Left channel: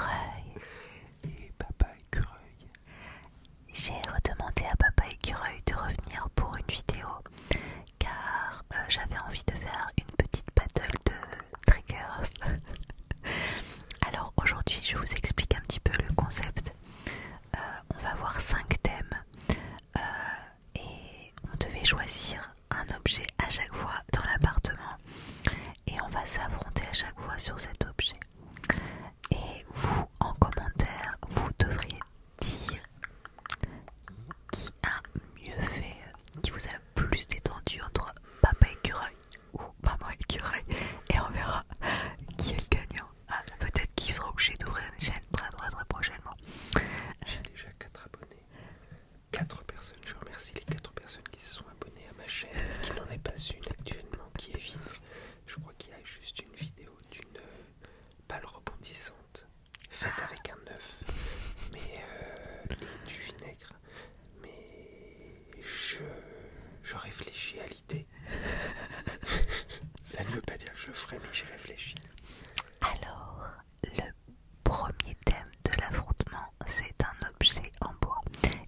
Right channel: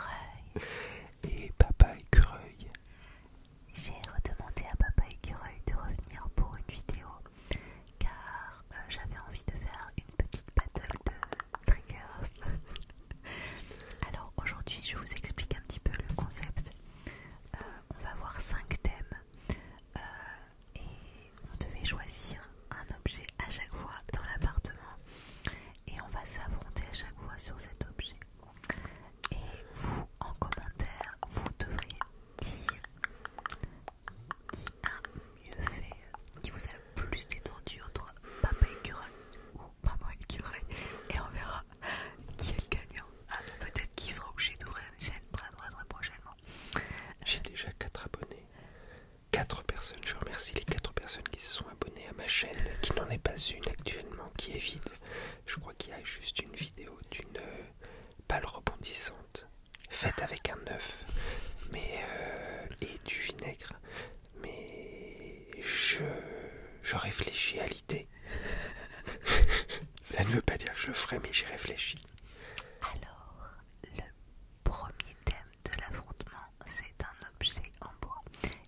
Écureuil. Et Papa Écureuil. J'ai redemandé à Papa Écureuil de revenir pour une vidéo car j'avais envie de faire une petite battle de triggers. Alors aujourd'hui je vous explique un petit peu le concept. On va voir 5 thèmes et on devait choisir un objet à chaque fois dans l'appartement et on va s'affronter à chaque fois sur cet objet. Et vous, en commentaire, vous devriez dire qui a mieux fait, qui vous a le plus détendu entre Papa Écureuil ou Maman Écureuil, et on verra qui est le gagnant. Peut-être qu'il sera obligé d'ouvrir une chaîne très prochainement. J'ai déjà 4 abonnés. 4 personnes, je remercie les 4 personnes qui se sont abonnées à ma chaîne, qui n'en est pas une actuellement, qui est vide. Je crois qu'il y a juste une vidéo d'une balle rebondissante, faite avec un œuf et du vinaigre. Mais je réfléchis à l'idée. Ça ne veut pas dire que je ferai, mais j'y réfléchis. Alors, le premier thème de l'affrontement, c'est un objet en bois.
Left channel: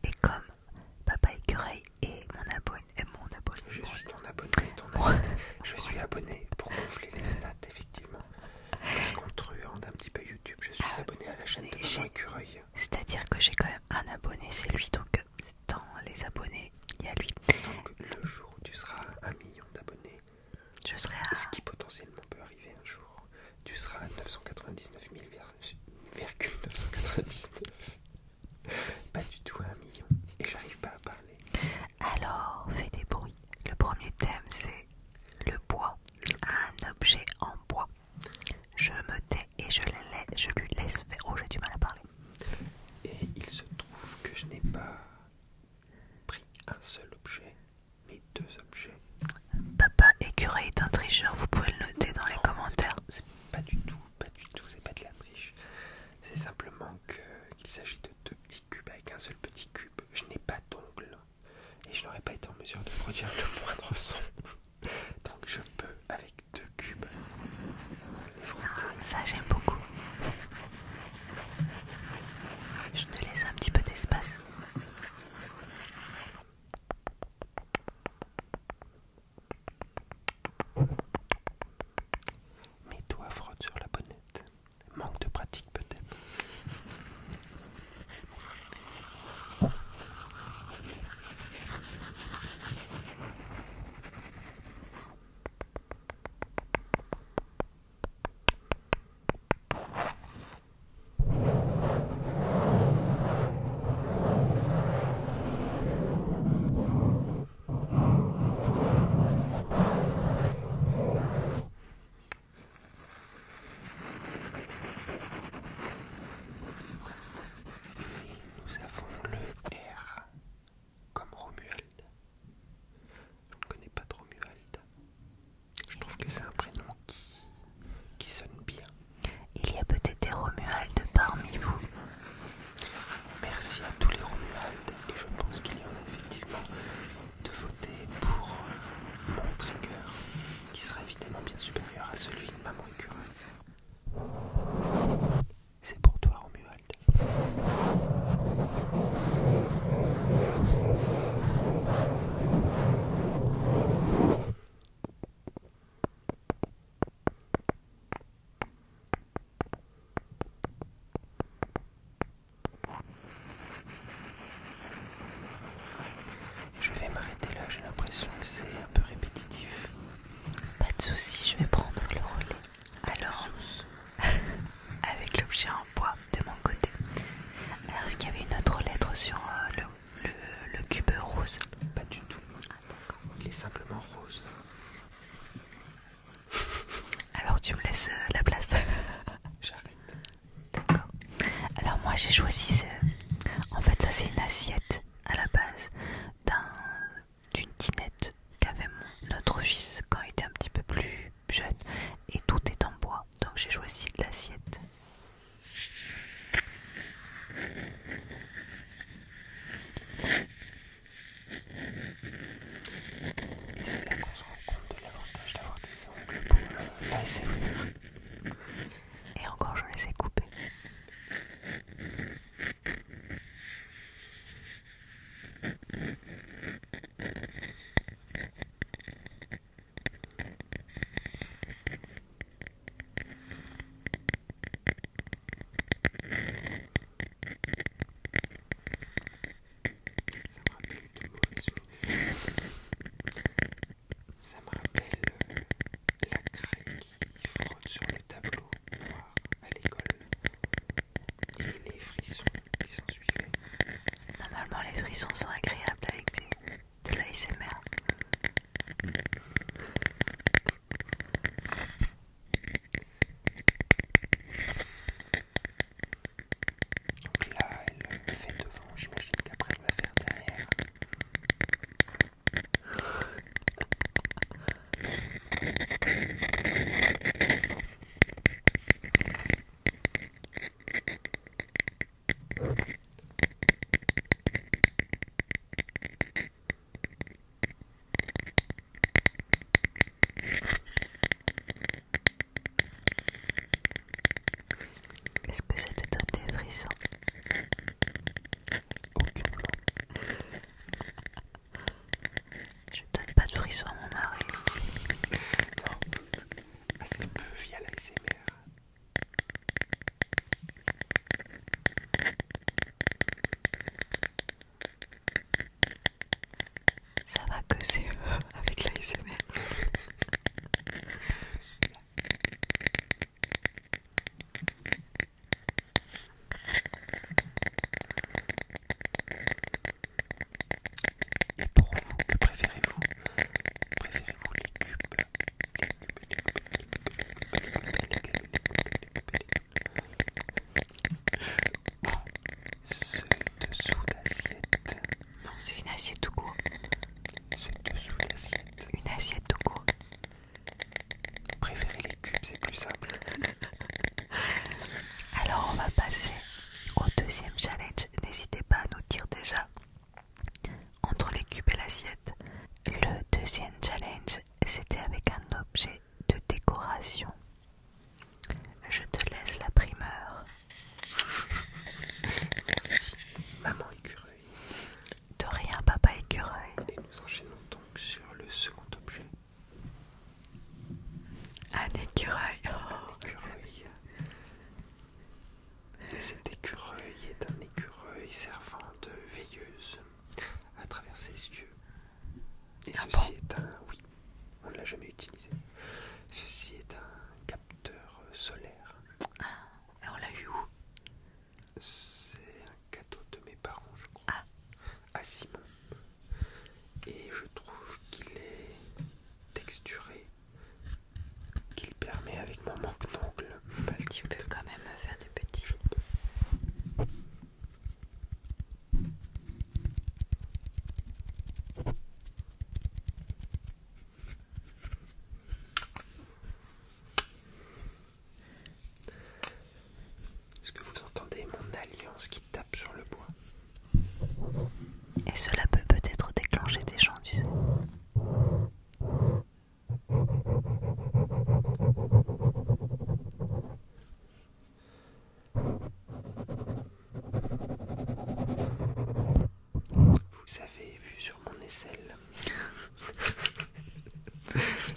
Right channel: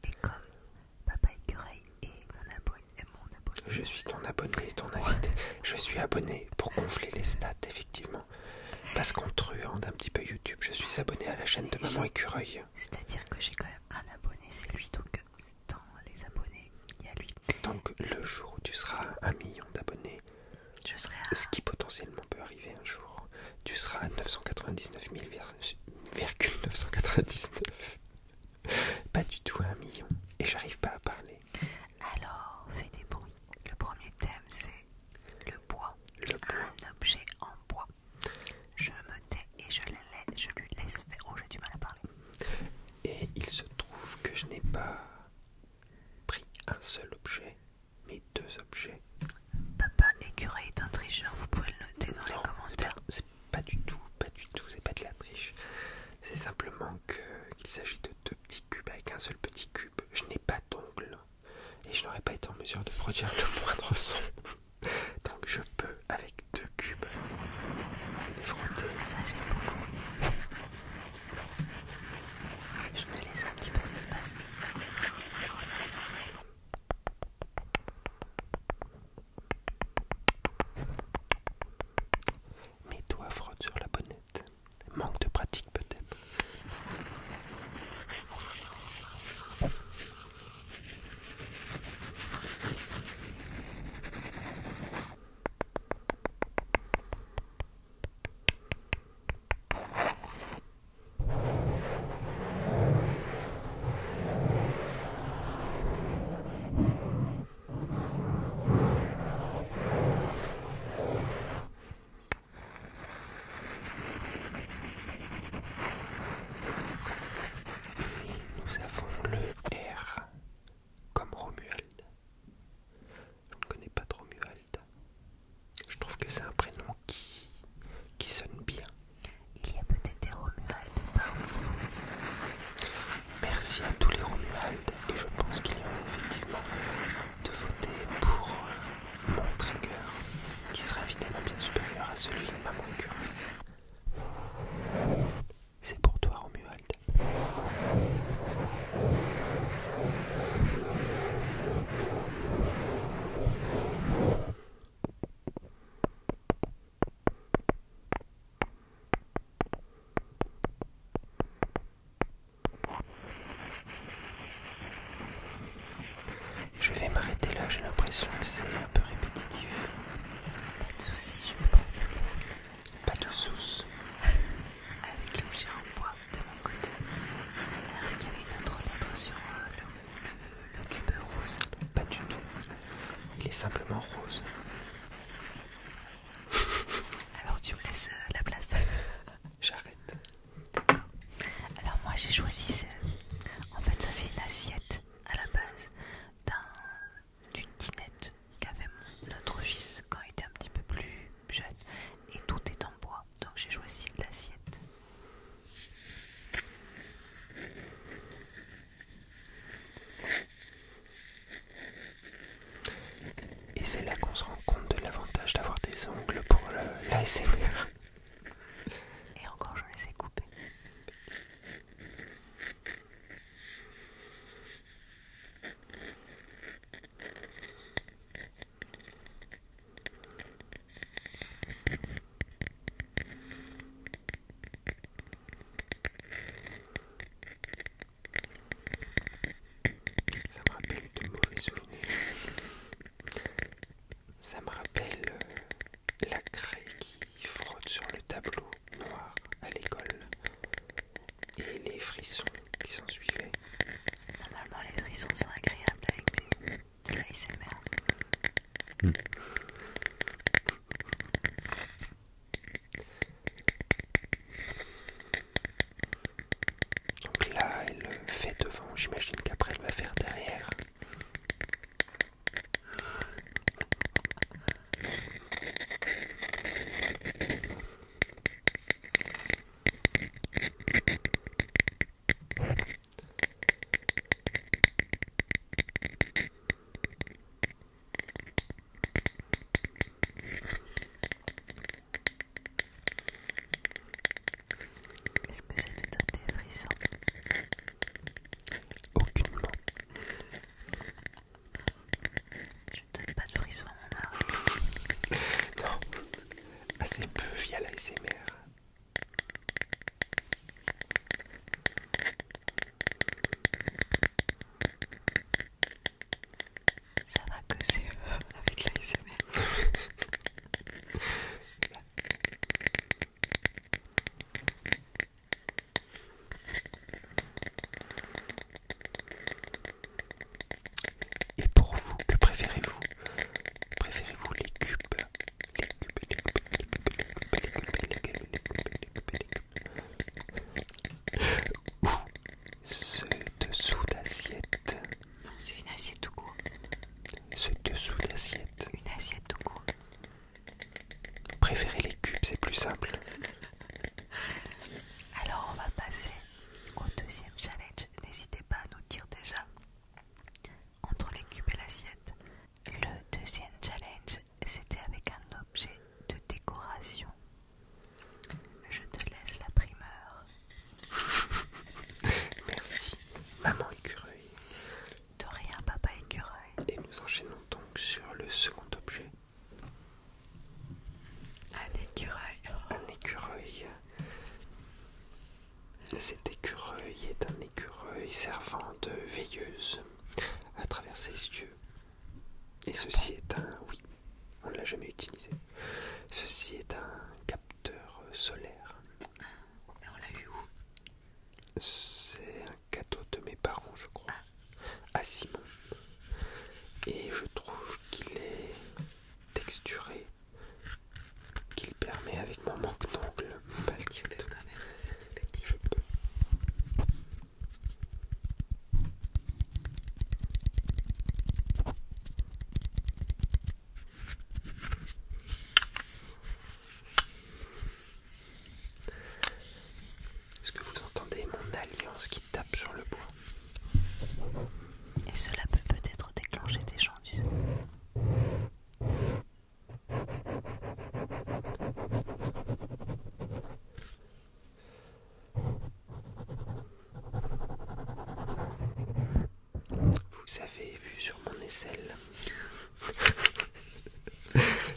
Et comme Papa Écureuil est mon abonné, Je suis ton abonné, ton invité. Je suis abonné pour gonfler les stats, effectivement. Parce qu'on truande un petit peu YouTube, je suis abonné à la chaîne de Maman Écureuil. C'est-à-dire que j'ai quand même un abonné, c'est lui, donc dans les abonnés, il y a lui. Donc le jour où tu seras à 1 million d'abonnés, Je serai à... ce qui potentiellement peut arriver un jour, tu seras à 999 000,999. Pas du tout à 1 million. Et j'arrive pas à parler. Alors, fais des bruits. Le premier thème, c'est le bois. Un objet en bois. Je me tais et je lui laisse faire. Oh, j'ai du mal à parler. Et il se trouve que je n'ai pas pris un seul objet, mais 2 objets. Papa Écureuil est un tricheur, vous pouvez le noter dans les commentaires. C'est pas du tout, c'est pas de la triche. C'est simplement qu'il s'agit de 2 petits cubes avec un seul petit cube. Je n'ai pas d'ongles et je n'aurais pas été en mesure de produire le moindre son. Donc je peux, avec 2 cubes, les frotter. Ça, j'aime beaucoup. Je te laisse un petit peu d'espace. Mes doigts frottent sur la bonnette. Manque de pratique peut-être. Nous avons le R comme Romuald. Je ne connais pas de Romuald. Je trouve que c'est un prénom qui sonne bien. Il y a peut-être des Romuald parmi vous. Merci à tous les Romuald et je pense qu'il y en a effectivement de voter pour mon trigger qui sera évidemment bien supérieur à celui de Maman Écureuil. C'est pour toi Romuald. Je vais m'arrêter là, j'ai l'impression que c'est un peu répétitif. Pas de soucis, je vais prendre le rôle. Pas de soucis. Avec l'objet en bois de mon côté. Alors, est-ce qu'il y avait une autre lettre sur le cube rose? Pas du tout. Il est simplement rose. Alors, tu me laisses la place. J'arrête. D'accord. Alors, moi, j'ai choisi ce... En fait, ça, c'est une assiette à la base d'une dinette qu'avait notre fils quand il était un petit peu plus jeune. Et tout est en bois. Donc, j'ai choisi l'assiette. Et c'est là qu'on se rend compte de l'avantage d'avoir des ongles pour l'ASMR. Et encore, je les ai coupés. Donc là, elle fait devant, j'imagine qu'après elle va faire derrière. Est-ce que ça te donne des frissons? Aucunement. Je donne pas de frissons à mon mari. Non, assez peu via l'ASMR. Ça va que c'est avec l'ASMR. Et pour vous, que préférez-vous? Préférez-vous les cubes? Ou ce dessous d'assiette? Non, c'est une assiette tout court. Ce dessous d'assiette. Une assiette tout court. Préférez les cubes, c'est plus simple. Alors on va passer au deuxième challenge. N'hésitez pas à nous dire déjà entre les cubes et l'assiette. Le deuxième challenge, c'était avec un objet de décoration. Je te laisse la primeur. Merci, maman écureuil. De rien, papa écureuil. Et nous enchaînons donc sur le second objet. Un écureuil. Oh. Un écureuil. Cet écureuil est un écureuil servant de veilleuse à travers ses yeux. Et ceci est un... Oui, on ne l'a jamais utilisé. Ceci est un capteur solaire. Et on l'a eu où? C'est un cadeau de mes parents, je crois. À Simon. Et je trouve qu'il est texturé, qu'il permet avec mon manque d'ongles, Tu peux quand même me faire des petits. je peux. Est-ce que vous entendez mon alliance qui tape sur le bois? Et cela peut peut-être déclencher des chants, tu sais. Vous avez vu sur mon aisselle.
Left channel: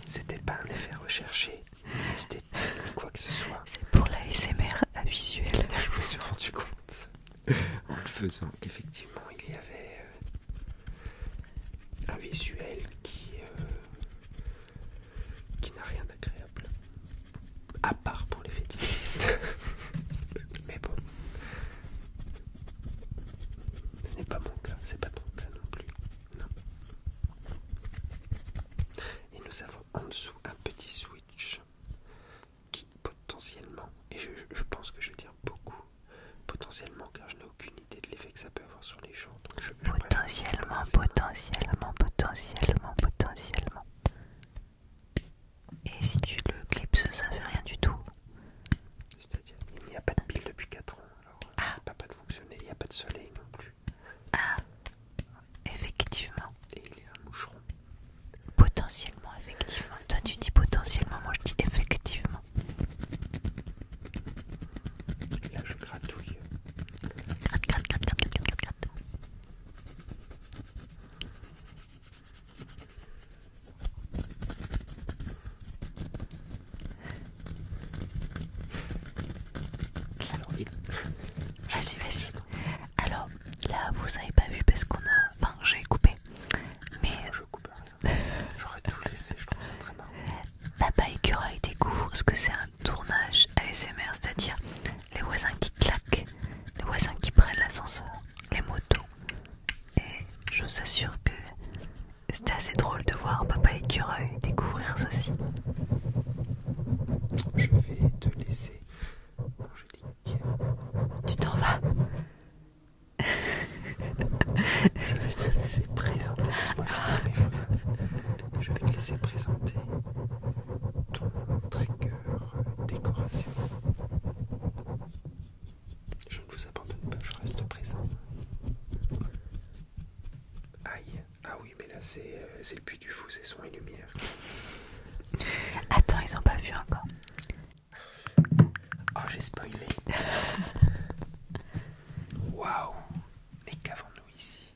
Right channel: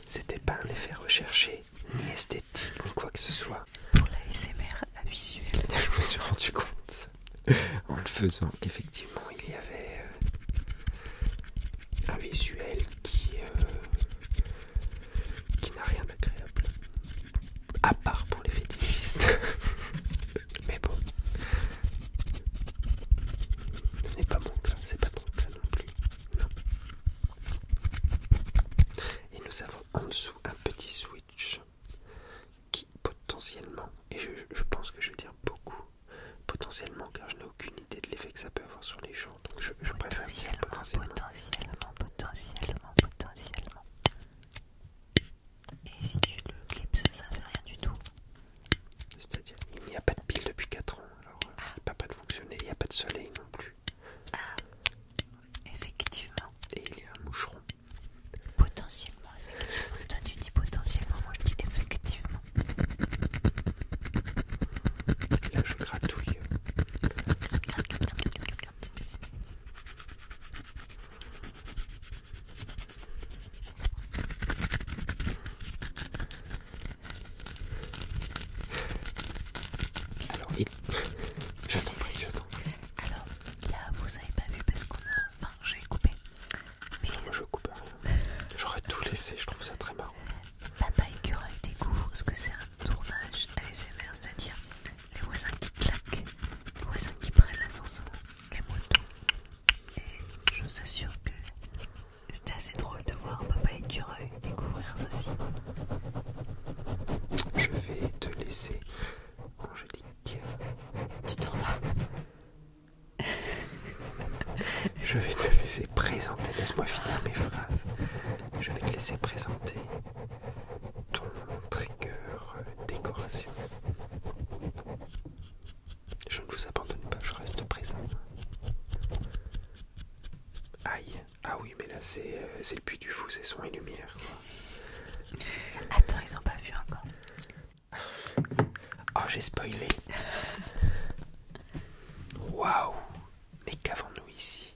C'était pas un effet recherché, ni esthétique, ni quoi que ce soit. C'est pour la SMR à visuel. Je me suis rendu compte en le faisant qu'effectivement il y avait un visuel qui n'a rien d'agréable. À part pour les fétichistes. Mais bon. Ce n'est pas mon cas, c'est pas ton cas non plus. Non. Et nous avons en dessous un petit switch qui potentiellement, et je pense que je vais dire beaucoup, potentiellement car je n'ai aucune idée de l'effet que ça peut avoir sur les gens. Donc je préfère Potentiellement. Et si tu le clipses, ça fait rien du tout. C'est-à-dire, il n'y a pas de pile depuis 4 ans, alors c'est pas prêt de fonctionner, il n'y a pas de soleil non plus. Ah, effectivement. Et il y a un moucheron. Potentiellement, effectivement. Toi, tu dis potentiellement, moi je dis effectivement. Et là, je gratouille. Gratte. Alors, il... Vas-y. Alors, là, vous avez pas vu parce qu'on a... Enfin, j'ai coupé. Mais Moi, je coupe rien. J'aurais tout laissé, je trouve ça très marrant. Papa écureuil découvre ce que c'est un tournage ASMR, c'est-à-dire les voisins qui claquent, les voisins qui prennent l'ascenseur, les motos. Et je vous assure que c'était assez drôle de voir Papa écureuil présenter, laisse-moi finir mes phrases. Je vais te laisser présenter ton trigger décoration. Je ne vous abandonne pas, je reste présent. Aïe, ah oui, mais là c'est le Puy du Fou, c'est son et lumière. Attends, ils ont pas vu encore. Oh, j'ai spoilé. Waouh, mais qu'avons-nous ici?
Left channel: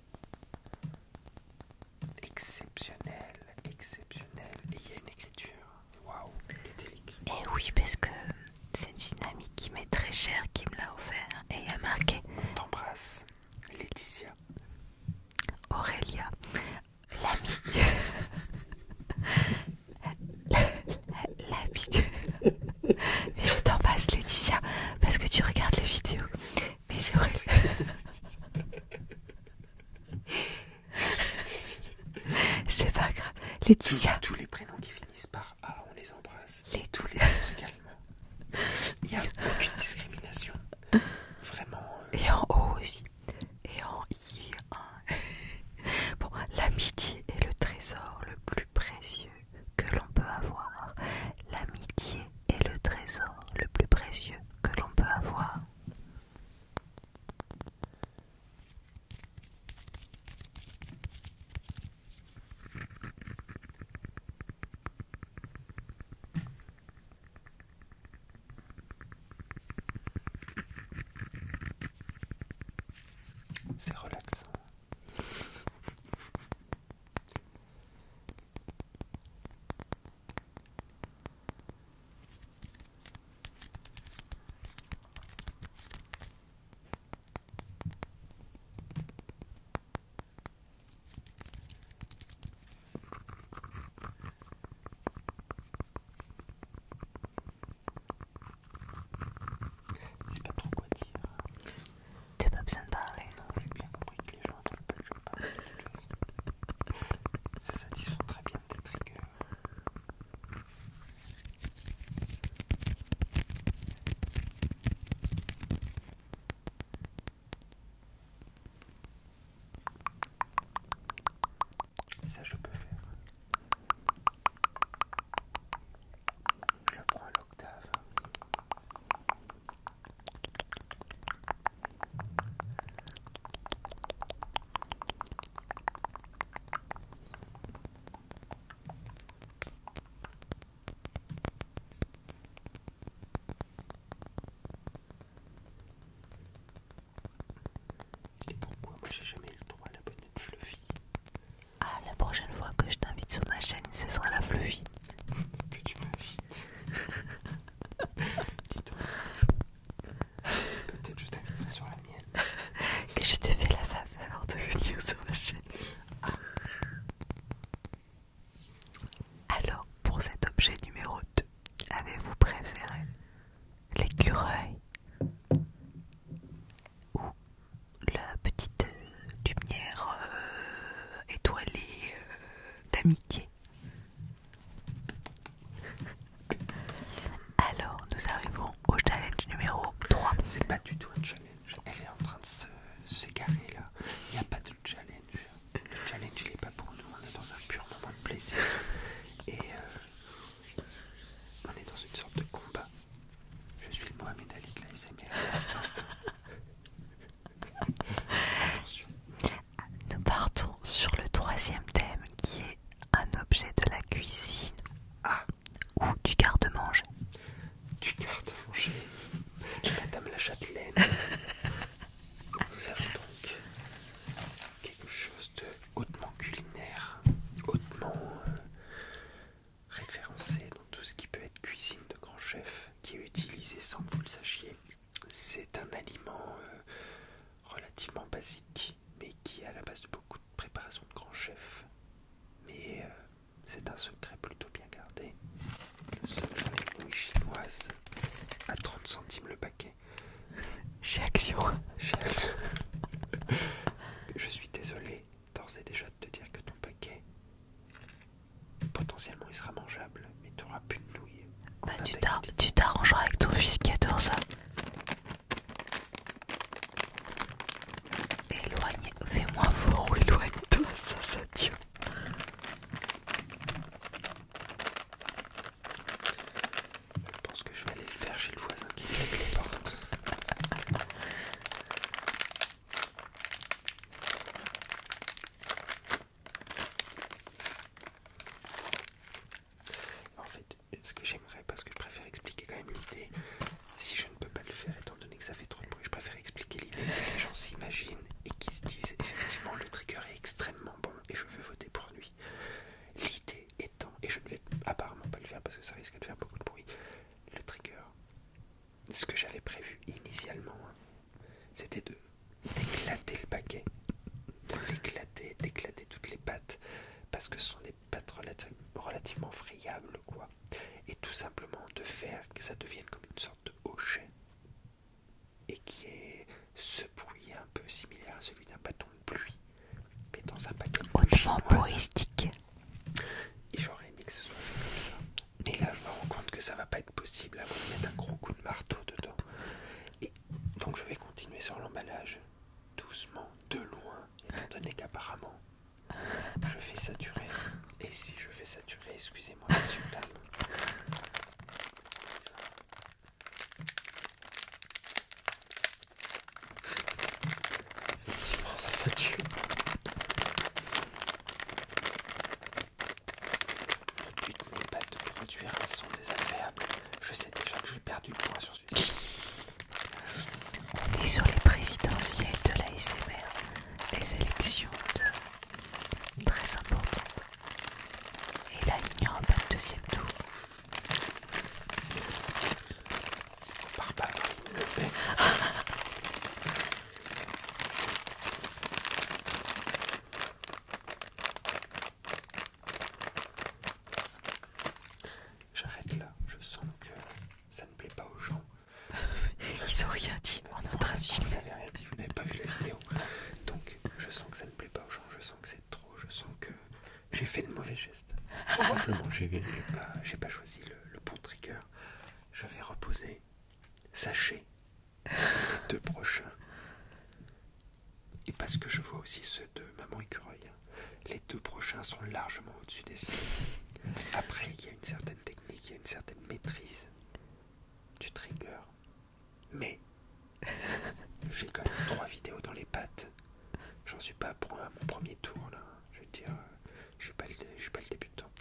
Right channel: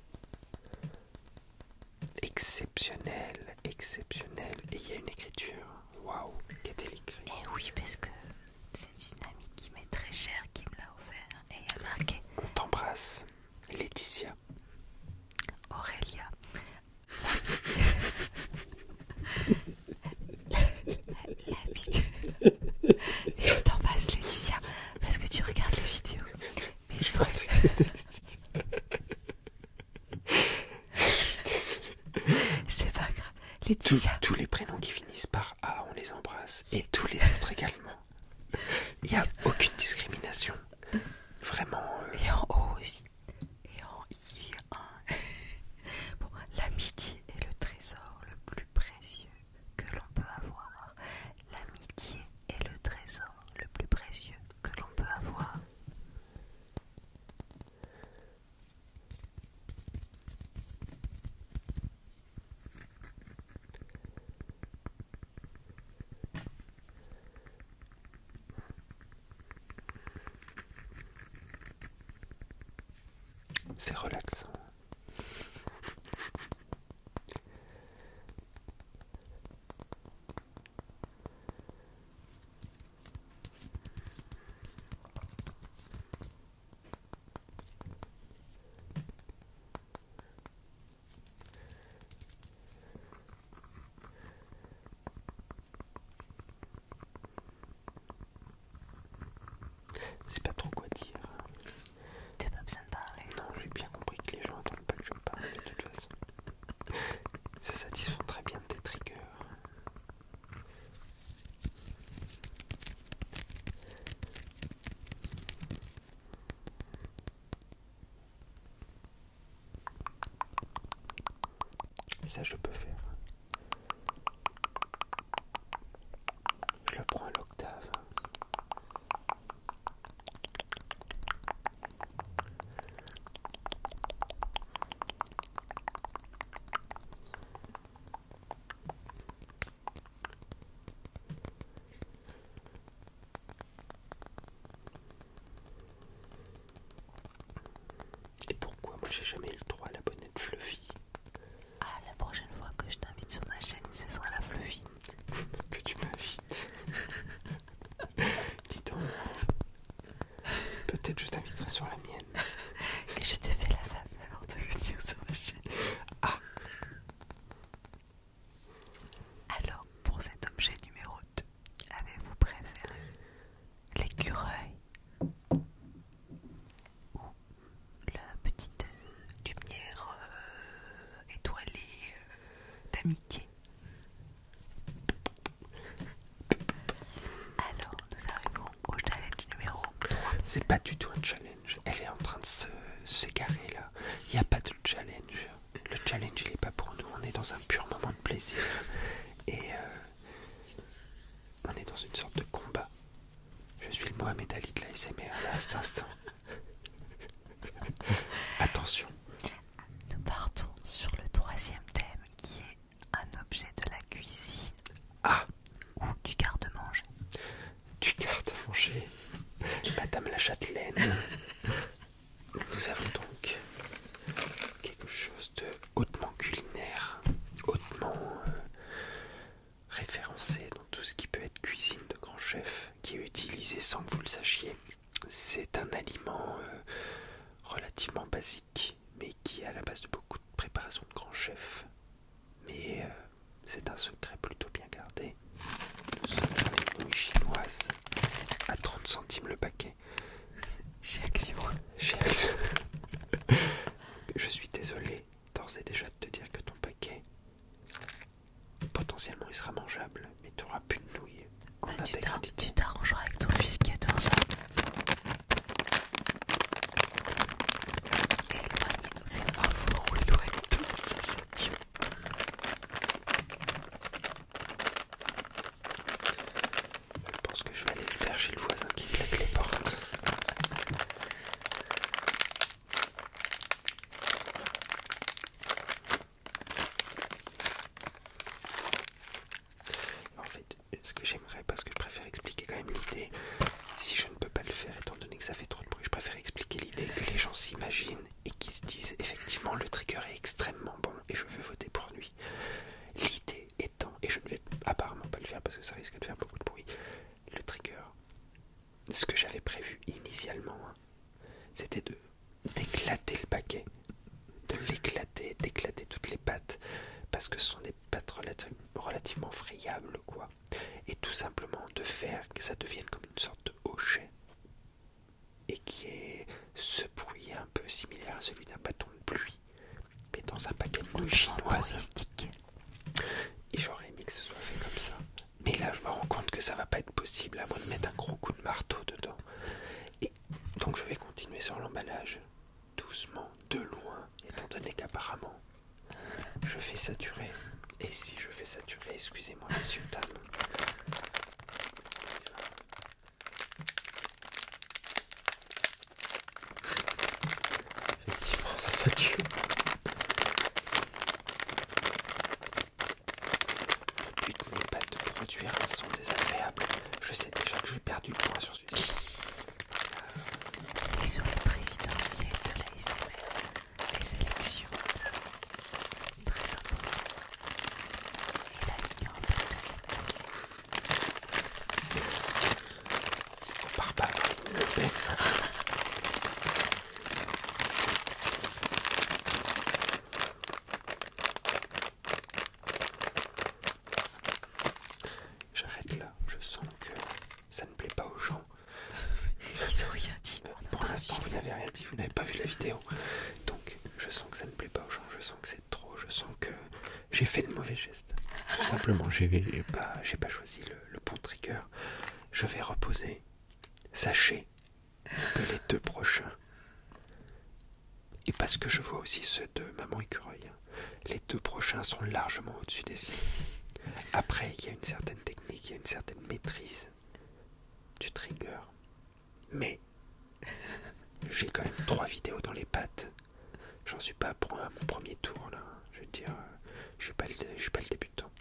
Exceptionnel, exceptionnel. Et il y a une écriture. Waouh, qu'est-elle écrit? Et oui, parce que c'est une amie qui m'est très chère qui me l'a offert. Et il y a marqué On t'embrasse, Laetitia. Aurélia, l'amie. Mais je t'en passe, Laetitia, parce que tu regardes les vidéos. Mais c'est vrai. C'est pas grave. Laetitia. Tous les prénoms qui finissent par A, on les embrasse. Et tous les autres également. Il n'y a aucune discrimination. Vraiment. Et en haut aussi. Et en I. Bon, l'amitié est le trésor le plus précieux que l'on peut avoir. L'amitié est le trésor le plus précieux que l'on peut avoir. C'est relaxant. C'est pas trop quoi dire. T'as pas besoin de parler. Non, j'ai bien compris que les gens n'entendent pas que je parle de toute façon. Ça satisfont très bien tes triggers. Ça je peux faire. Je le prends à l'octave. Et pourquoi moi j'ai jamais eu le droit à la bonnette Fluffy? Ah, la prochaine fois que je t'invite sur ma chaîne, ce sera la Fluffy. Que tu m'invites. Dis donc. Peut-être je t'inviterai sur la mienne. Que je te fais la faveur de venir sur ma chaîne. Ah. Alors, pour cet objet numéro 2, avez-vous préféré l'écureuil ou la petite lumière étoilée d'amitié? Alors, nous arrivons au challenge numéro 3. C'est pas du tout un challenge. Elle est en train de s'égarer là. Il n'y a pas de challenge. Le challenge il est pas pour nous. On est dans un pur moment de plaisir. Et on est dans une sorte de combat. Je suis le Mohamed Ali de la SMR à cet instant. Attention. Nous partons sur le troisième thème qui est un objet de la cuisine. Ah. Ou du garde-manger. Du garde-manger. Madame la Châtelaine. Nous avons donc quelque chose de hautement culinaire, hautement référencé dans tout ce qui peut être cuisine de grand chef, qui est utilisé sans que vous le sachiez. C'est un aliment relativement basique, mais qui est à la base de beaucoup de préparations de grands chefs. Mais c'est un secret plutôt bien gardé. Le secret des nouilles chinoises à 30 centimes le paquet. Chez Action. Chez Action. Je suis désolé d'ores et déjà de te dire que ton paquet, potentiellement il sera mangeable, mais tu n'auras plus de nouilles. Bah, tu t'arrangeras avec ton fils qui adore ça. Éloigne, fais-moi voir ou éloigne-toi, ça parce que ce sont des pâtes relativement friables, quoi. Et tout simplement de faire que ça devienne comme une sorte de hochet et qui ait ce bruit un peu similaire à celui d'un bâton de pluie, mais dans un paquet de nouilles chinoises. Et j'aurais aimé que ce soit fait comme ça. Mais là, je me rends compte que ça va pas être possible à moins de mettre un gros coup de marteau dedans. Et donc je vais continuer sur l'emballage, doucement, de loin, étant donné qu'apparemment, je fais saturer. Et si je fais saturer, excusez-moi, messieurs, dames. Effectivement, ça sature. Le but n'est pas de produire un son désagréable. Je sais déjà que j'ai perdu le point sur celui-ci. Et sur les présidentielles de l'ASMR, les élections très importantes. Et là, il n'y aura pas de deuxième tour. On part pas avec Le Pen. J'arrête là, je sens que ça ne plaît pas aux gens. Ils ont rien dit. Pour l'instant, vous n'avez rien dit, vous n'avez pas vu la vidéo. Donc, je sens que ça ne plaît pas aux gens, je sens que c'est trop, je sens que j'ai fait le mauvais geste. Tout simplement, j'ai pas choisi le bon trigger. Je vais reposer. Sachez que les 2 prochains, et parce que je vois aussi ceux de Maman Écureuil, les 2 prochains sont largement au-dessus des yeux. Après, il y a une certaine technique, il y a une certaine maîtrise du trigger. Mais j'ai quand même 3 vidéos dans les pattes. J'en suis pas à mon premier tour là. Je veux dire, je suis pas le débutant.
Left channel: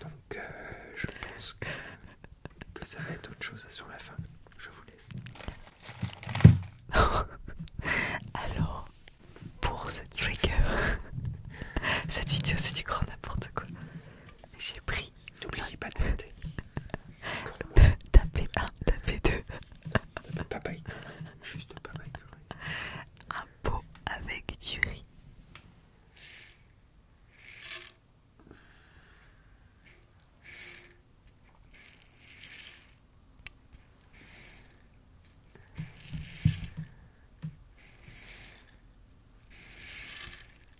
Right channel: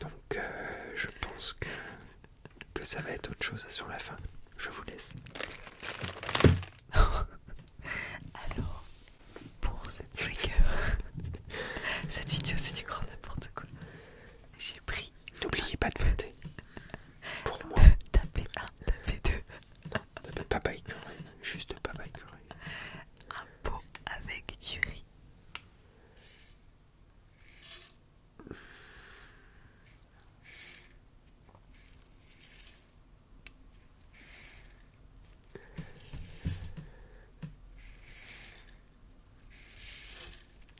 Donc je pense que ça va être autre chose sur la fin. Je vous laisse. Alors, pour ce trigger, cette vidéo c'est du grand n'importe quoi. J'ai pris. N'oubliez pas de voter. Pour moi. Tapez 1, tapez 2. Papa Écureuil. Juste Papa Écureuil. Un pot avec du riz.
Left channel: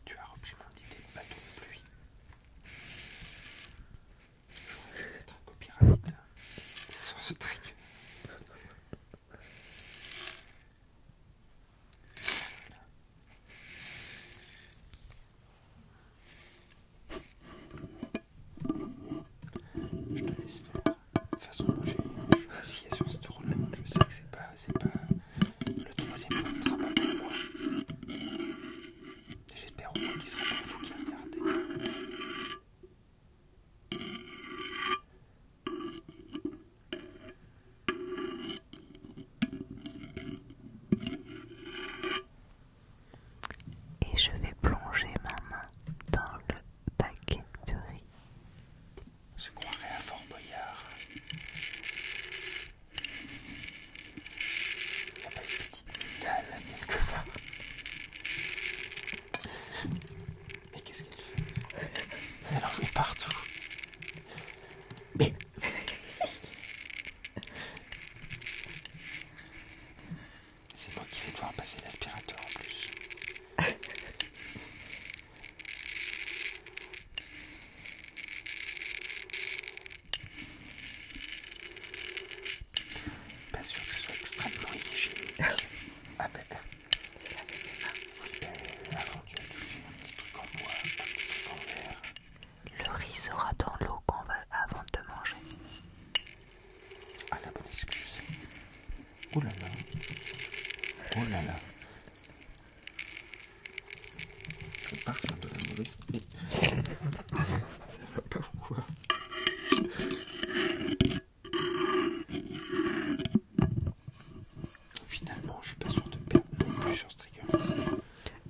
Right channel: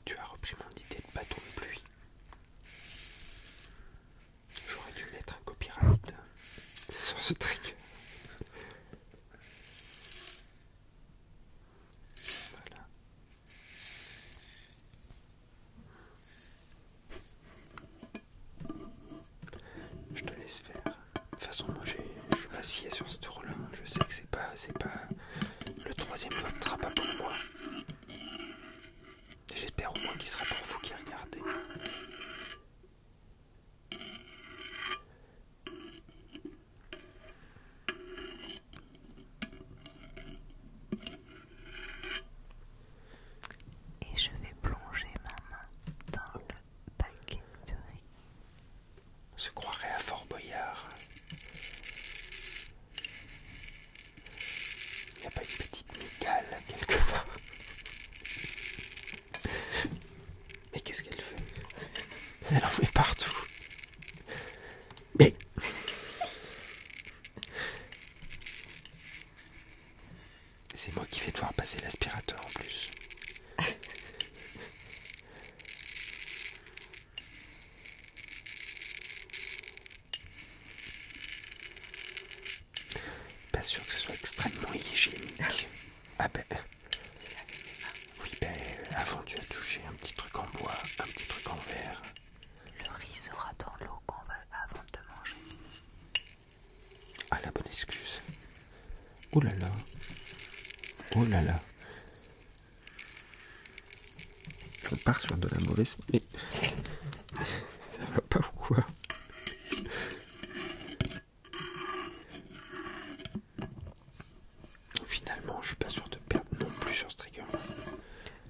Tu as repris mon idée de bâton de pluie. J'aurais dû mettre un copyright sur ce trigger. Voilà. Je te laisse faire. De toute façon, moi je suis assis sur ce tour-là. Je sais que c'est pas le 3e vote sera pas pour moi. J'espère au moins qu'il sera pour vous qui regardez. Et je vais plonger ma main dans le paquet de riz. On se croirait à Fort Boyard. Il n'y a pas une petite migale quelque part. Mais qu'est-ce qu'elle fait? Elle en met partout. Mais c'est moi qui vais devoir passer l'aspirateur en plus. Pas sûr que ce soit extrêmement hygiénique. Ah ben. Oui ben avant tu as touché un petit truc en bois, un petit truc en verre. Le riz sera dans l'eau avant de manger. Ah la bonne excuse. Oh là là. Oh là là. Je pars sur de la mauvaise... Mais... Ça va pas ou quoi? Finalement, je suis pas sûr de perdre non plus sur ce trigger.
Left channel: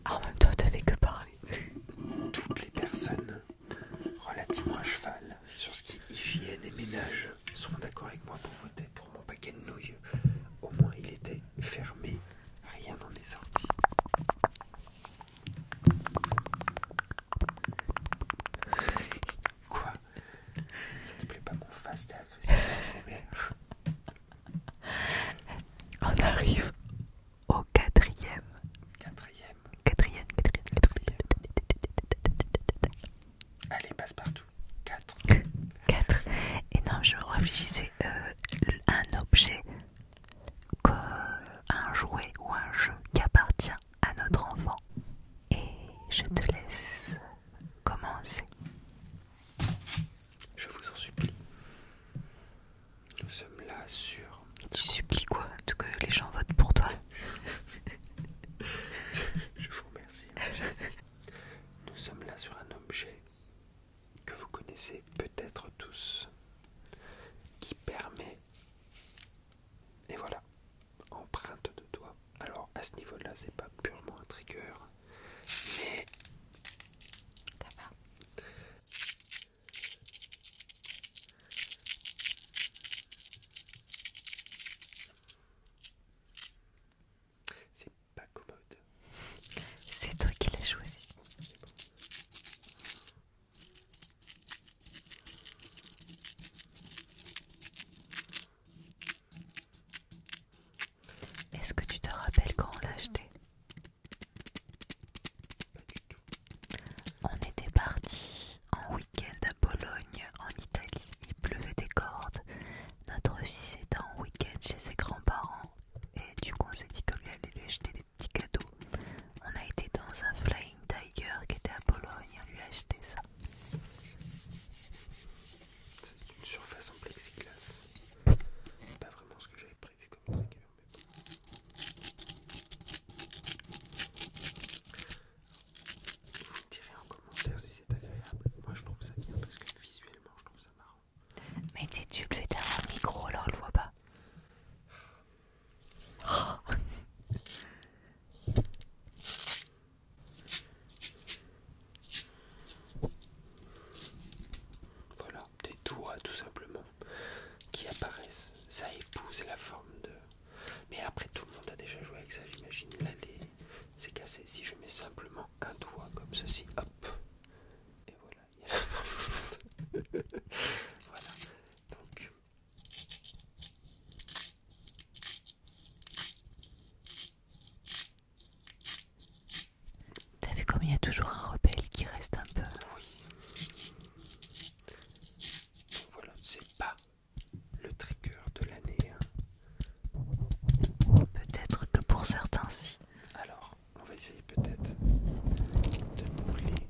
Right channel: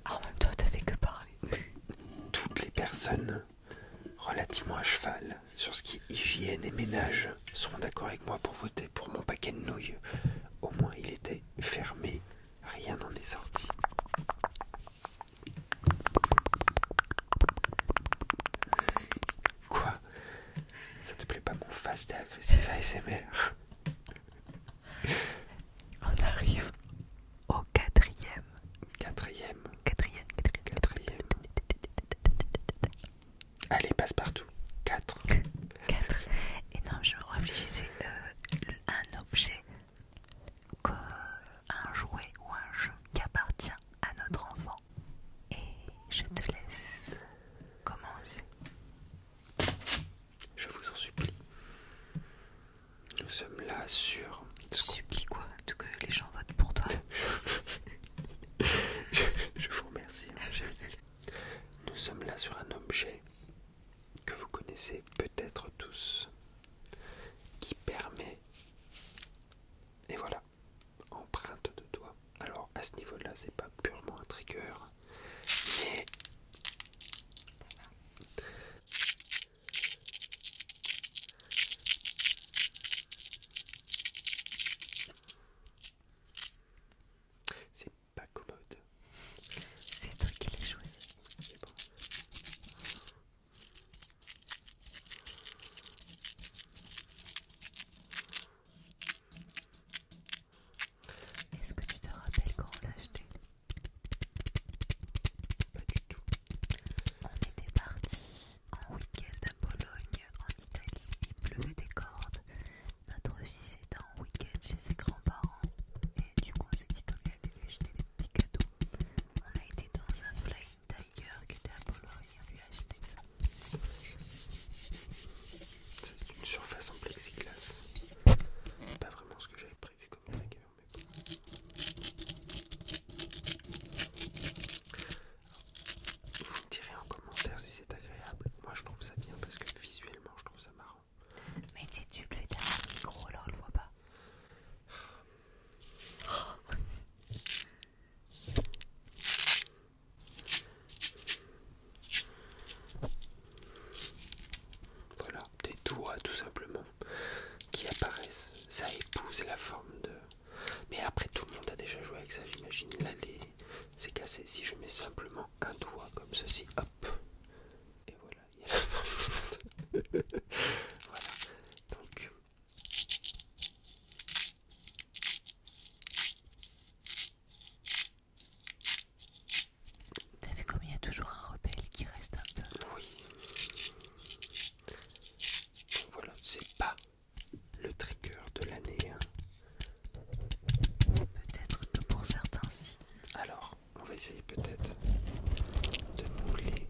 En même temps, t'avais que parler. Toutes les personnes relativement à cheval sur ce qui est hygiène et ménage seront d'accord avec moi pour voter pour mon paquet de nouilles. Au moins, il était fermé. Rien n'en est sorti. c'était agressif ASMR. On arrive au quatrième. Quatrième. Quatrième. Allez, passe partout. 4. 4. Et non, je réfléchissais un objet, un jouet ou un jeu qui appartient à notre enfant. Et je te laisse commencer. Je vous en supplie. Nous sommes là sur... Tu supplies quoi? Tout que les gens votent pour toi. Je vous remercie. Nous sommes là sur un objet que vous connaissez peut-être tous, qui permet, et voilà, empreinte de doigt. Alors à ce niveau-là, c'est pas purement un trigger, mais c'est pas commode. C'est toi qui l'as choisi. C'est bon. Est-ce que tu te rappelles quand on l'a acheté? Pas du tout. On était parti en week-end à Bologne, en Italie. Il pleuvait des cordes. Notre fils était en week-end chez ses grands-parents. Et du coup, on s'est dit qu'on lui allait lui acheter des petits cadeaux. On a été dans un Flying Tiger qui était à Bologne. On lui a acheté ça. C'est une surface en plexiglas. Pas vraiment ce que j'avais prévu comme trigger, mais bon. Vous me direz en commentaire si c'est agréable. Moi je trouve ça bien parce que visuellement je trouve ça marrant. Mais tu le fais derrière un micro, alors on le voit pas. Voilà, des doigts tout simplement qui apparaissent. Ça épouse la forme de... Mais après tout le monde a déjà joué avec ça, j'imagine. Là c'est cassé. Si je mets simplement un doigt comme ceci, hop. Et voilà, il y a la forme. Voilà, donc... T'as vu comme il y a toujours un rebelle qui reste un peu. Oui. Donc voilà, c'est pas le trigger de l'année. Peut-être que pour certains si. Alors, on va essayer peut-être de mouler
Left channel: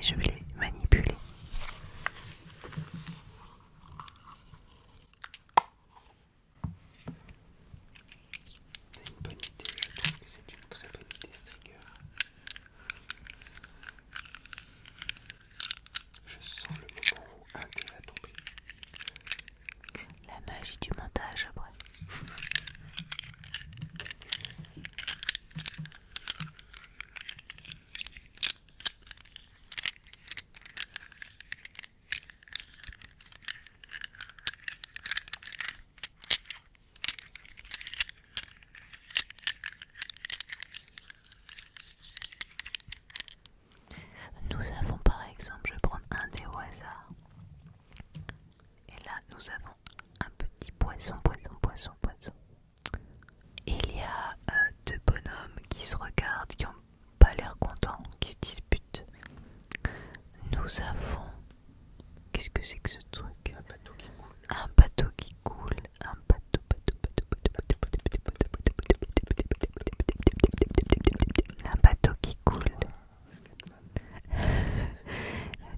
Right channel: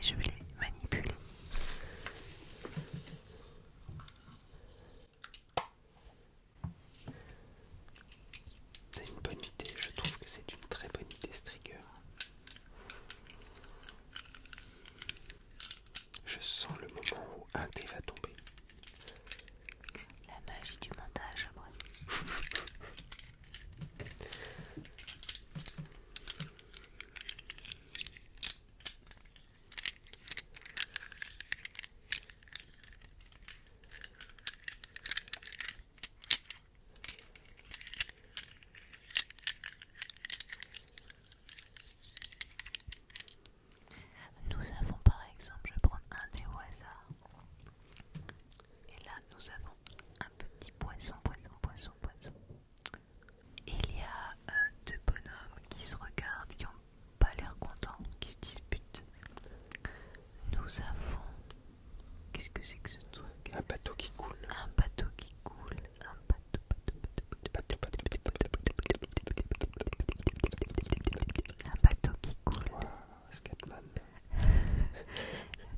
mais je vais les manipuler. C'est une bonne idée, je trouve que c'est une très bonne idée ce trigger. Je sens le moment où un dé va tomber. La magie du montage après. Nous avons par exemple, je vais prendre un dé au hasard. Et là, nous avons un petit poisson. Et il y a deux bonhommes qui se regardent, qui n'ont pas l'air contents, qui se disputent. Nous avons... Qu'est-ce que c'est que ce truc? Un bateau qui coule. Un bateau qui coule. Un bateau. Un bateau qui coule. Wow, Scatman.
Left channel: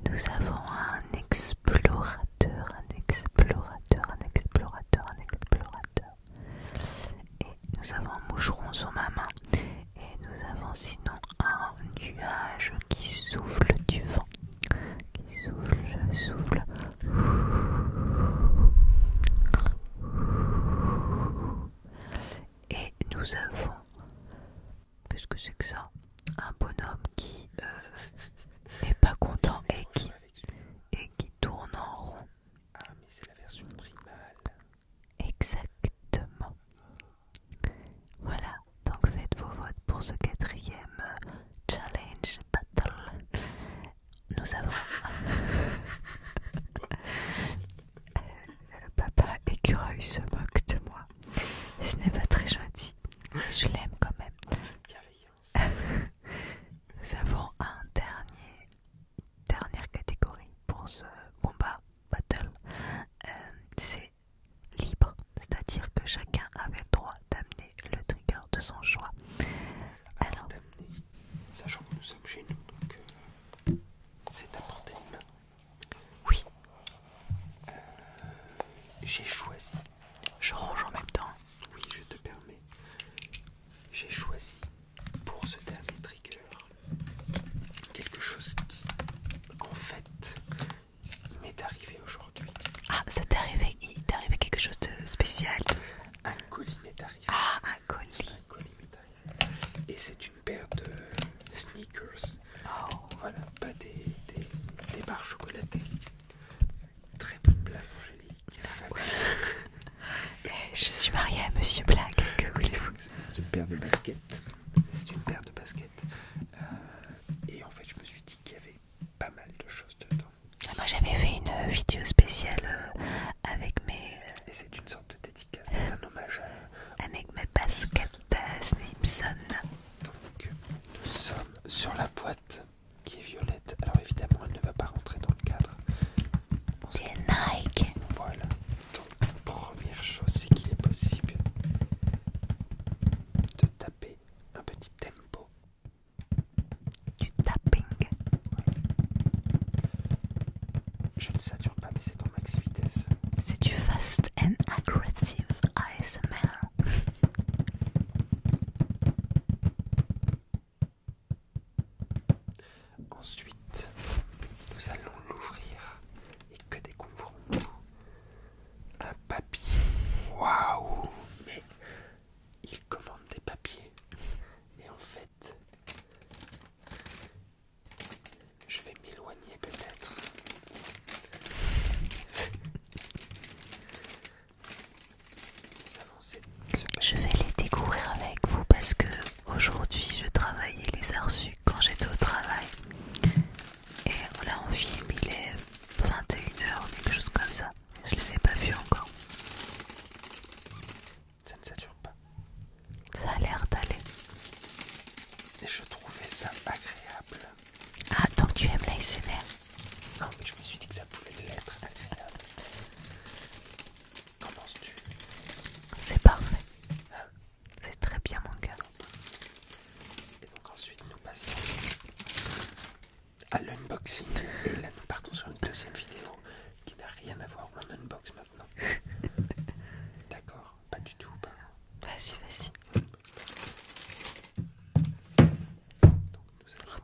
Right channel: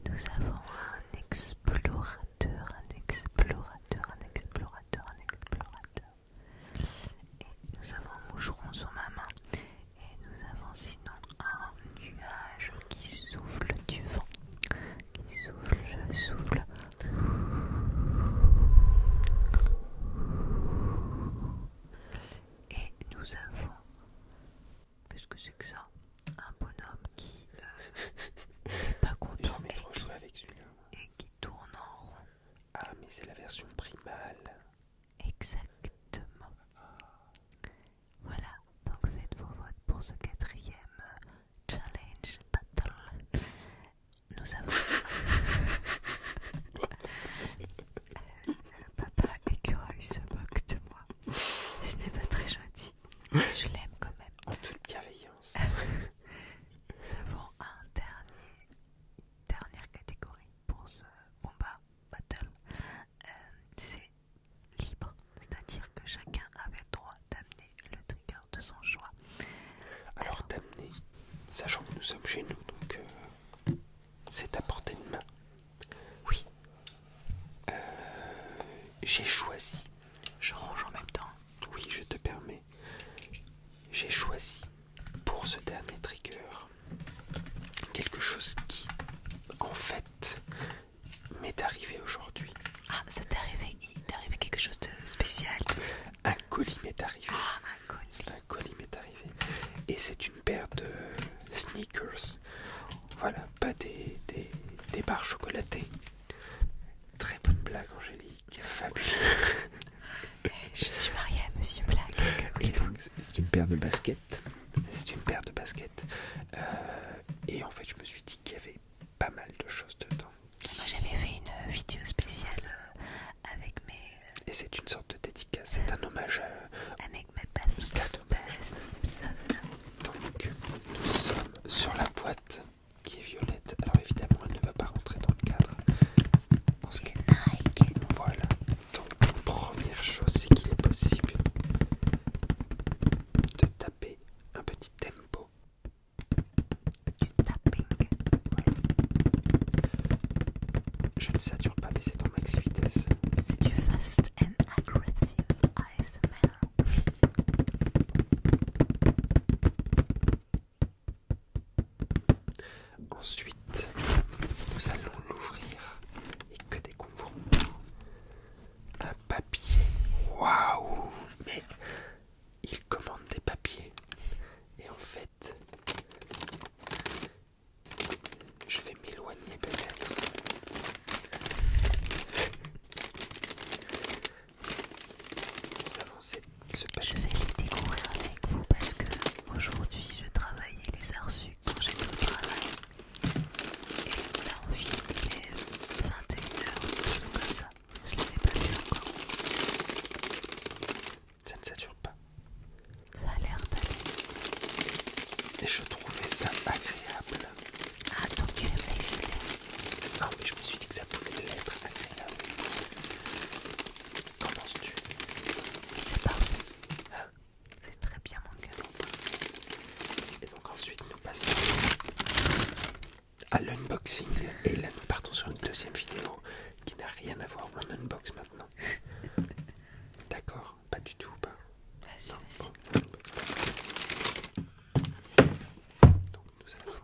Nous avons un explorateur. Et nous avons un moucheron sur ma main. Et nous avons sinon un nuage qui souffle du vent. Qui souffle. Et nous avons... Qu'est-ce que c'est que ça? Un bonhomme qui n'est pas content et qui tourne en rond. Ah, mais c'est la version primale. Exactement. Voilà, donc faites vos votes pour ce quatrième challenge battle. Nous avons Papa écureuil se moque de moi. Ce n'est pas très gentil, mais je l'aime quand même. Un peu de bienveillance. Nous avons dernière catégorie pour ce combat battle. C'est libre, c'est-à-dire que chacun avait le droit d'amener le trigger de son choix. Alors d'amener, sachant que nous sommes chez nous, donc c'est à portée de main. Oui. J'ai choisi. Je range en même temps. Oui, je te permets. J'ai choisi pour ce dernier trigger quelque chose qui, en fait, m'est arrivé aujourd'hui. Ah, ça t'est arrivé, il t'est arrivé quelque chose de spécial. Un colis m'est arrivé. Ah, un colis. Un colis m'est arrivé. Et c'est une paire de sneakers. Voilà, pas des barres chocolatées. Très bonne blague, Angélique. Fabuleux. Je suis mariée à Monsieur Blague. C'est une paire de baskets. Et en fait, je me suis dit qu'il y avait pas mal de choses dedans. Moi, j'avais fait une vidéo spéciale avec mes... Et c'est une sorte de dédicace. C'est un hommage avec mes baskets Simpson. Donc, nous sommes sur la boîte qui est violette. Alors évidemment, elle ne va pas rentrer dans le cadre. C'est Nike. Voilà. Donc, première chose, c'est qu'il est possible de taper un petit tempo. Du tapping. Voilà. Je ne sature pas, mais c'est en max vitesse. C'est du fast and aggressive ASMR. Ensuite, nous allons l'ouvrir et que découvrons un papier. Waouh! Mais il commande des papiers. Et en fait, je vais m'éloigner peut-être. Nous avons ce papier. Je vais les découvrir avec vous parce que aujourd'hui je travaille et les ai reçus quand j'étais au travail. Et voilà, on filme, il est à l'unboxing. Et là, nous partons sur une deuxième vidéo qui n'a rien à voir. On unbox maintenant. D'accord, pas du tout. Pas. Vas-y, vas-y. Donc nous allons.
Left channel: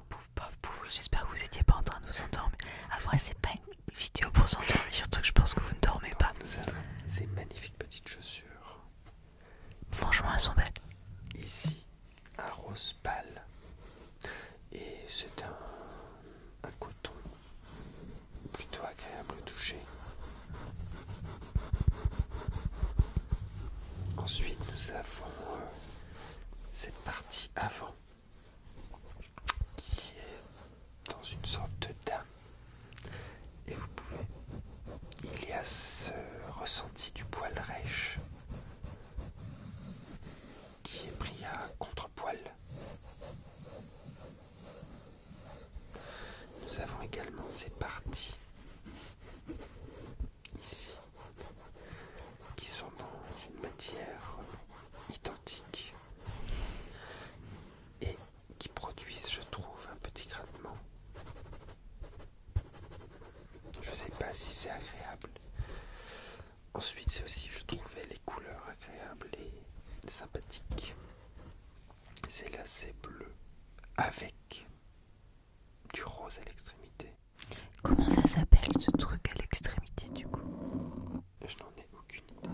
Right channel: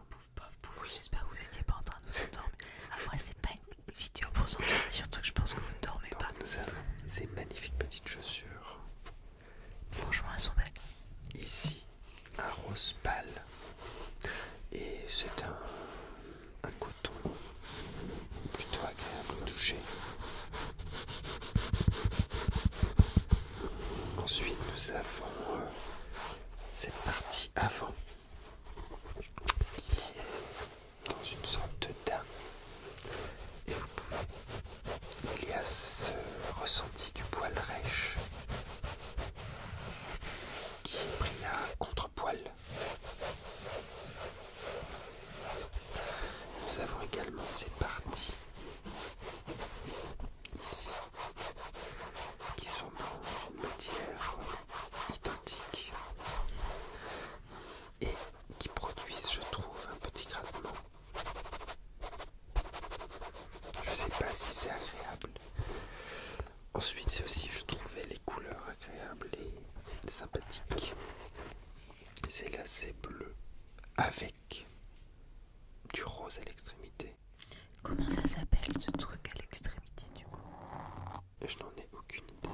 Pouf, j'espère que vous étiez pas en train de vous endormir. Après, c'est pas une vidéo pour s'endormir, surtout que je pense que vous ne dormez pas. Nous avons ces magnifiques petites chaussures. Franchement, elles sont belles. Ici, un rose pâle. Et c'est un coton plutôt agréable au toucher. Ensuite, nous avons cette partie avant qui est dans une sorte de daim. Et vous pouvez... Il y a ce ressenti du poil rêche qui est pris à contre-poil. Nous avons également ces parties ici qui sont dans une matière identique et qui produisent, je trouve, un petit grattement. Je ne sais pas si c'est agréable. Ensuite, c'est aussi, je trouvais, les couleurs agréables et sympathiques. C'est lacet bleu avec du rose à l'extrémité. Comment ça s'appelle ce truc à l'extrémité du coup? Je n'en ai aucune idée.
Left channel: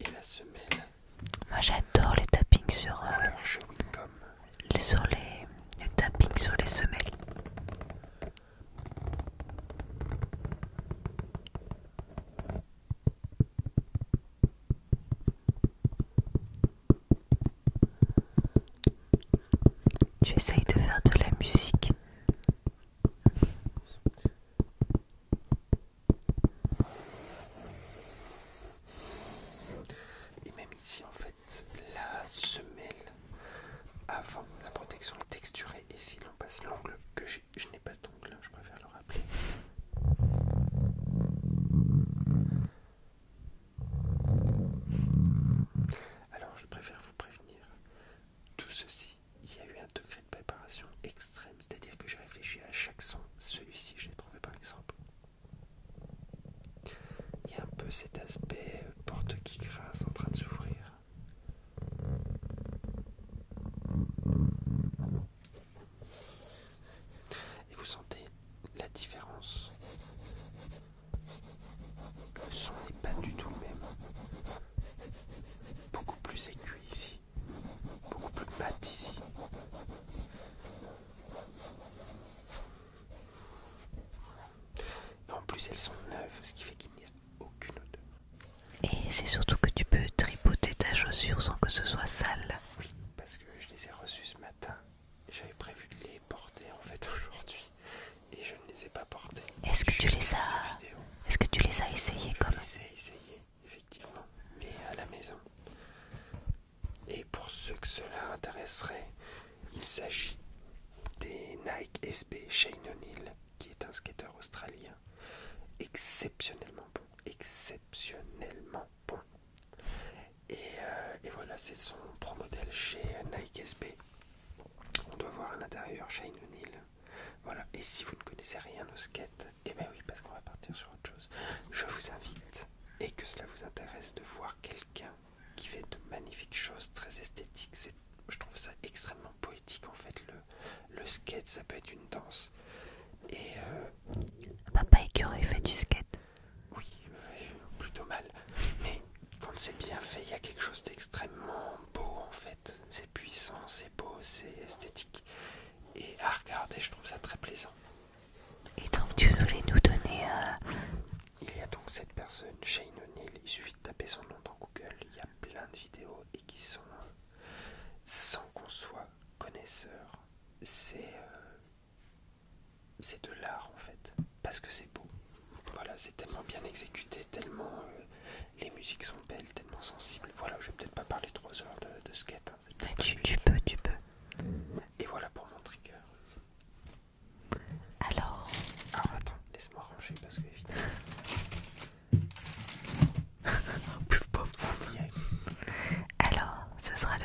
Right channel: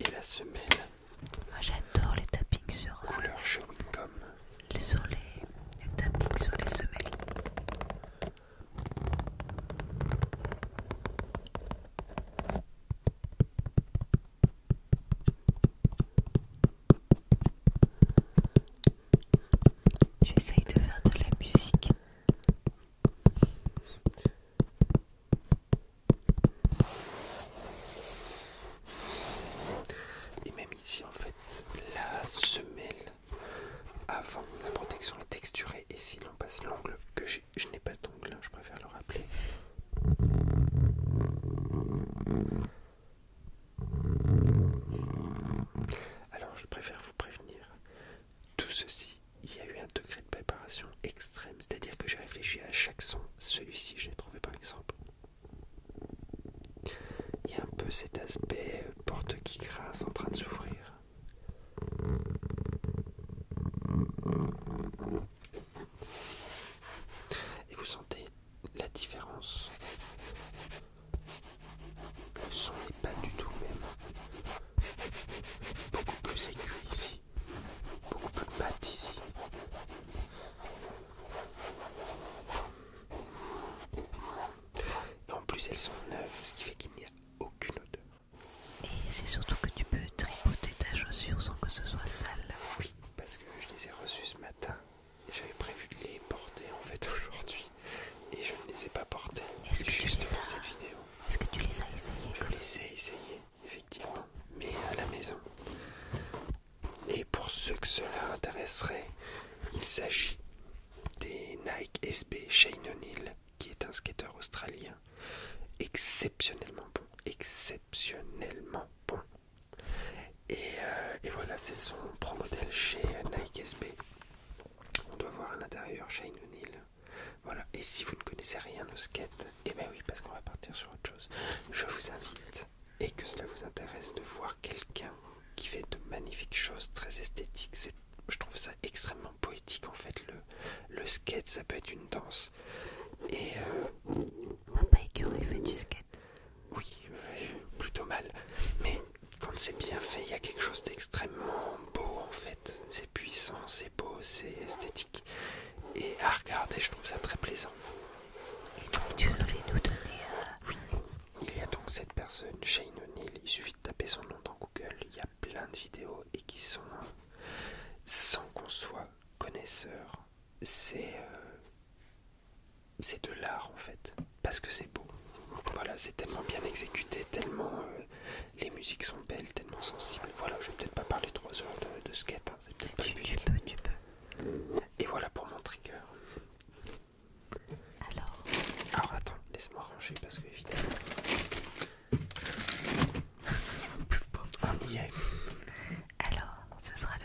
Et la semelle. Moi j'adore les tappings sur Couleur chewing gum. les tappings sur les semelles. Tu essayes de faire de la musique. Et même ici en fait, la semelle avant la protection est texturée. Et si l'on passe l'ongle, que je n'ai pas d'ongle, je préfère le rappeler. Alors je préfère vous prévenir, tout ceci, il y a eu un degré de préparation extrême, c'est-à-dire que j'ai réfléchi à chaque son. Celui-ci, je l'ai trouvé par exemple. Il y a un peu cet aspect porte qui grince en train de s'ouvrir. Et vous sentez la différence. Le son n'est pas du tout le même. Beaucoup plus aigu ici. Beaucoup plus mat ici. Et en plus elles sont neuves, ce qui fait qu'il n'y a aucune odeur. Et c'est surtout que tu peux tripoter ta chaussure sans que ce soit sale. Oui, parce que je les ai reçus ce matin. J'avais prévu de les porter en fait aujourd'hui. Et je ne les ai pas portés. Est-ce que tu les as cette vidéo. Est-ce que tu les as essayés Je comme les ai essayés, effectivement, mais à la maison. Et pour ceux que cela intéresserait, il s'agit des Nike SB Shane O'Neill, qui est un skateur australien exceptionnellement bon. Exceptionnellement bon. Et voilà, c'est son pro modèle chez Nike SB. On doit voir à l'intérieur Shane O'Neill. Voilà, et si vous ne connaissez rien au skate, et ben oui, parce qu'on va partir sur autre chose, je vous invite, et que cela vous intéresse, de voir quelqu'un qui fait de magnifiques choses très esthétiques. Je trouve ça extrêmement poétique en fait. Le skate, ça peut être une danse. Et Papa Écureuil fait du skate. oui, plutôt mal. Mais quand c'est bien fait, il y a quelque chose d'extrêmement beau en fait. C'est puissant, c'est beau, c'est esthétique. Et à regarder, je trouve ça très plaisant. Et donc tu voulais nous donner Il y a donc cette personne, Shane O'Neill, il suffit de taper son nom dans Google, il y a plein de vidéos et qui sont, sans qu'on soit connaisseur, c'est de l'art en fait, parce que c'est beau. Voilà, c'est tellement bien exécuté, tellement les musiques sont belles, tellement sensibles. Voilà, je vais peut-être pas parler 3 heures de skate, hein, c'est peut-être pas le but. tu peux. Et voilà pour mon trigger. Alors Attends, laisse-moi ranger parce que évidemment. On y est. Alors, ce sera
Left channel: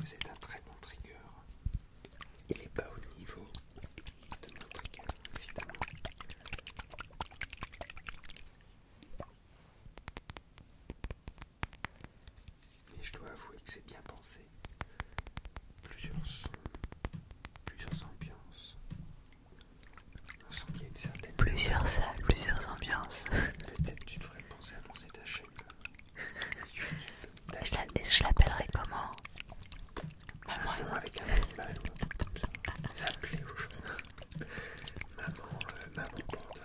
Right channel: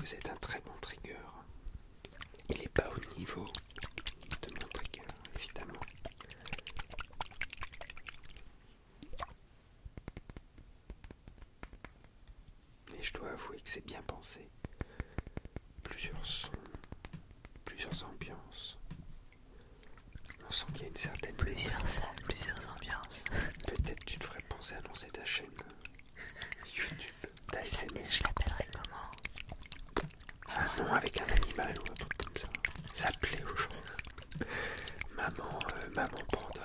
vous êtes un très bon trigger. Il est pas au niveau de mon trigger, évidemment. Mais je dois avouer que c'est bien pensé. Plusieurs sons, plusieurs ambiances. On sent qu'il y a une certaine... Plusieurs salles, plusieurs ambiances. Peut-être tu devrais penser à lancer ta chaîne YouTube. Je l'appellerai comment? Un nom avec un animal ou un truc comme ça. Ça plaît aux gens. Maman panda.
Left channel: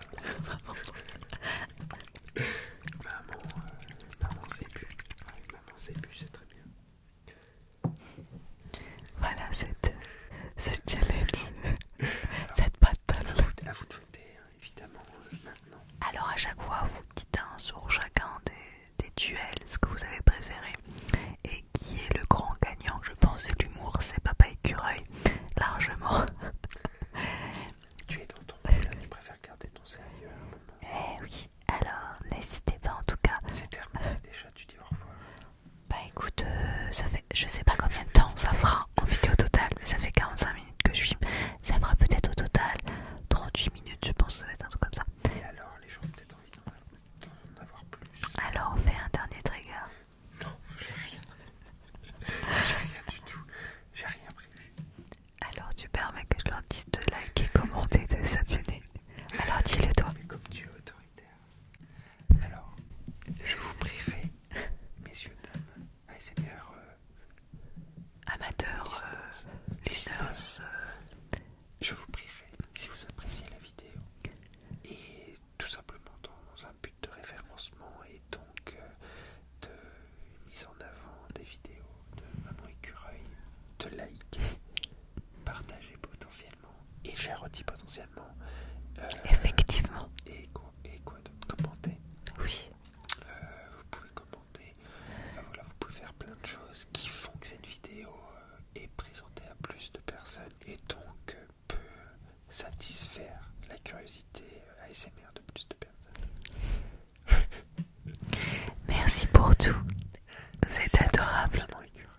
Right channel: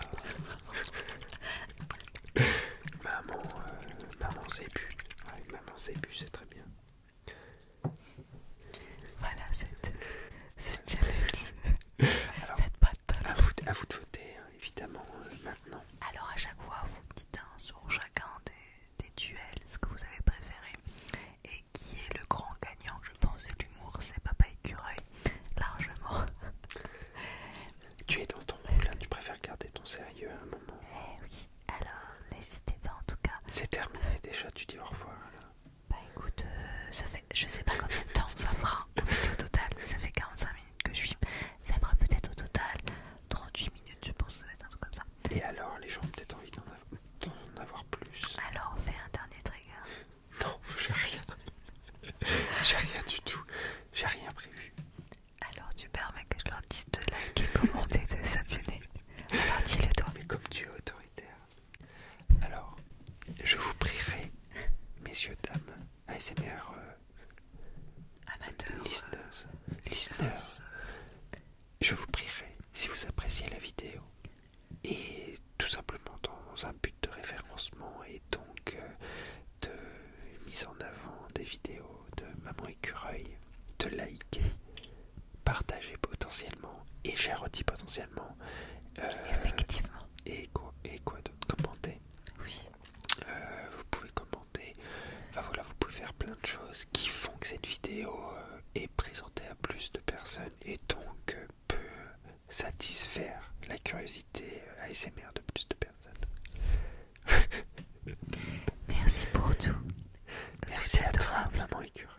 Maman zébu. Ouais, maman zébu, c'est très bien. Voilà, ce challenge. Alors, Cette patte. à vous de voter, hein, évidemment, maintenant. Alors à chaque fois, vous dites sur chacun des duels ce que vous avez préféré et qui est le grand gagnant. Je pense que l'humour, c'est Papa Écureuil, largement. Tu es dans ton rôle, hein, tu préfères garder ton sérieux à un moment. Eh oui, alors n'hésitez pas en tout cas. C'est terminé déjà, tu dis au revoir. Bah écoute, ça fait, je sais pas combien de temps ça fera en vidéo totale, mais ça fait 45 minutes que je filme. Ça fera peut-être au total 38 minutes, je pense que ça va être un truc comme ça. Et alors, les gens ont peut-être envie d'en avoir plus. Alors on fait un dernier trigger. Non, j'ai rien. J'ai rien du tout. J'ai rien prévu. Alors tu permets que je leur dise de liker, commenter, de s'abonner. Alors dis-le toi. Mais comme tu es autoritaire. Alors, je vous prierai, messieurs, dames, ASMR Amateur, listeners, je vous prierai, si vous appréciez la vidéo, et tout simplement dans un but de référencement et donc de mise en avant des vidéos de Maman Écureuil, de liker, partager potentiellement, et j'ai redit potentiellement, effectivement. et quoi d'autre, commenter. Oui. Vous pouvez commenter, enfin voilà, vous pouvez faire plein de choses qui font que cette vidéo est présentée à plus de personnes et donc peut satisfaire la curiosité ASMR de plus de personnes. Merci pour tout. Vous Merci êtes à toi, adorable. Maman Écureuil.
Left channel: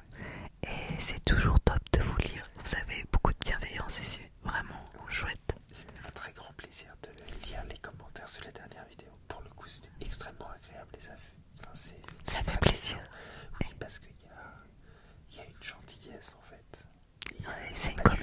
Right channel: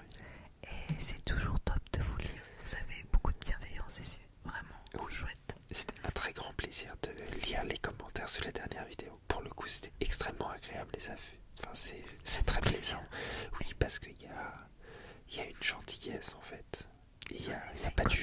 Et c'est toujours top de vous lire. Vous avez beaucoup de bienveillance et c'est vraiment chouette. C'était un très grand plaisir de lire les commentaires sur les dernières vidéos. Pour le coup, c'était extrêmement agréable les affaires. Enfin, c'est très plaisant. Oui, parce qu'il y a une gentillesse en fait. Il y a C'est pas une de